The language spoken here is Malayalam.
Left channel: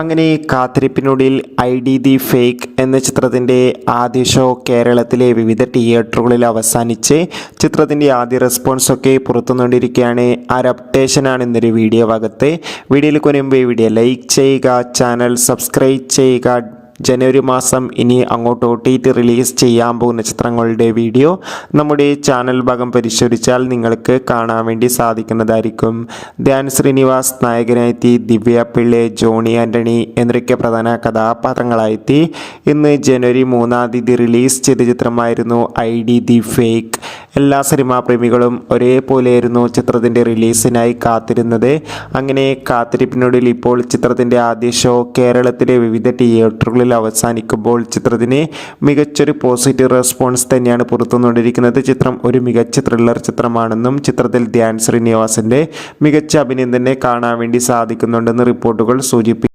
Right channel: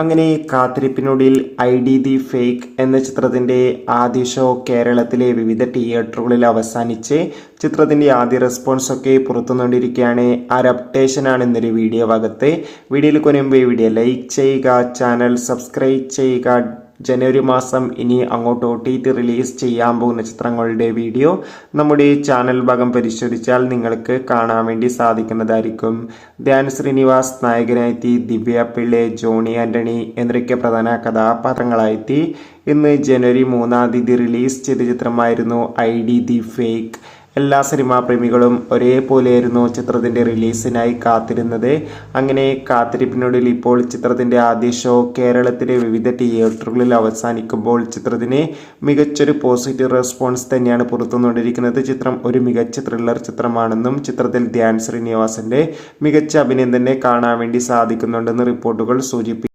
അങ്ങനെ കാത്തിരിപ്പിനൊടുവിൽ ഐ ഡി ദി ഫേക്ക് എന്ന ചിത്രത്തിൻ്റെ ആദ്യ ഷോ കേരളത്തിലെ വിവിധ തിയേറ്ററുകളിൽ അവസാനിച്ച് ചിത്രത്തിൻ്റെ ആദ്യ റെസ്പോൺസൊക്കെ പുറത്തുകൊണ്ടിരിക്കുകയാണ്. ആ ഒരു അപ്ഡേഷനാണ് ഇന്നൊരു വീഡിയോ ഭാഗത്ത്. വീഡിയോയിൽ കൊനുമ്പ് വീഡിയോ ലൈക്ക് ചെയ്യുക, ചാനൽ സബ്സ്ക്രൈബ് ചെയ്യുക. ജനുവരി മാസം ഇനി അങ്ങോട്ട് OTT റിലീസ് ചെയ്യാൻ പോകുന്ന ചിത്രങ്ങളുടെ വീഡിയോ നമ്മുടെ ചാനൽ ഭാഗം പരിശോധിച്ചാൽ നിങ്ങൾക്ക് കാണാൻ വേണ്ടി സാധിക്കുന്നതായിരിക്കും. ധ്യാൻ ശ്രീനിവാസ് നായകനായെത്തി, ദിവ്യ പിള്ളെ, ജോണി ആൻ്റണി എന്നൊക്കെ പ്രധാന കഥാപാത്രങ്ങളായെത്തി. ഇന്ന് ജനുവരി 3 റിലീസ് ചെയ്ത ചിത്രമായിരുന്നു ഐ ഡി ദി ഫേക്ക്. എല്ലാ സിനിമാ പ്രേമികളും ഒരേപോലെയായിരുന്നു ചിത്രത്തിൻ്റെ റിലീസിനായി കാത്തിരുന്നത്. അങ്ങനെ കാത്തിരിപ്പിനൊടുവിൽ ഇപ്പോൾ ചിത്രത്തിൻ്റെ ആദ്യ ഷോ കേരളത്തിലെ വിവിധ തിയേറ്ററുകളിൽ അവസാനിക്കുമ്പോൾ ചിത്രത്തിന് മികച്ചൊരു പോസിറ്റീവ് റെസ്പോൺസ് തന്നെയാണ് പുറത്തുകൊണ്ടിരിക്കുന്നത്. ചിത്രം ഒരു മികച്ച ത്രില്ലർ ചിത്രമാണെന്നും ചിത്രത്തിൽ ധ്യാൻ ശ്രീനിവാസൻ്റെ മികച്ച അഭിനയം തന്നെ കാണാൻ വേണ്ടി സാധിക്കുന്നുണ്ടെന്ന് റിപ്പോർട്ടുകൾ സൂചിപ്പിക്കുന്നു.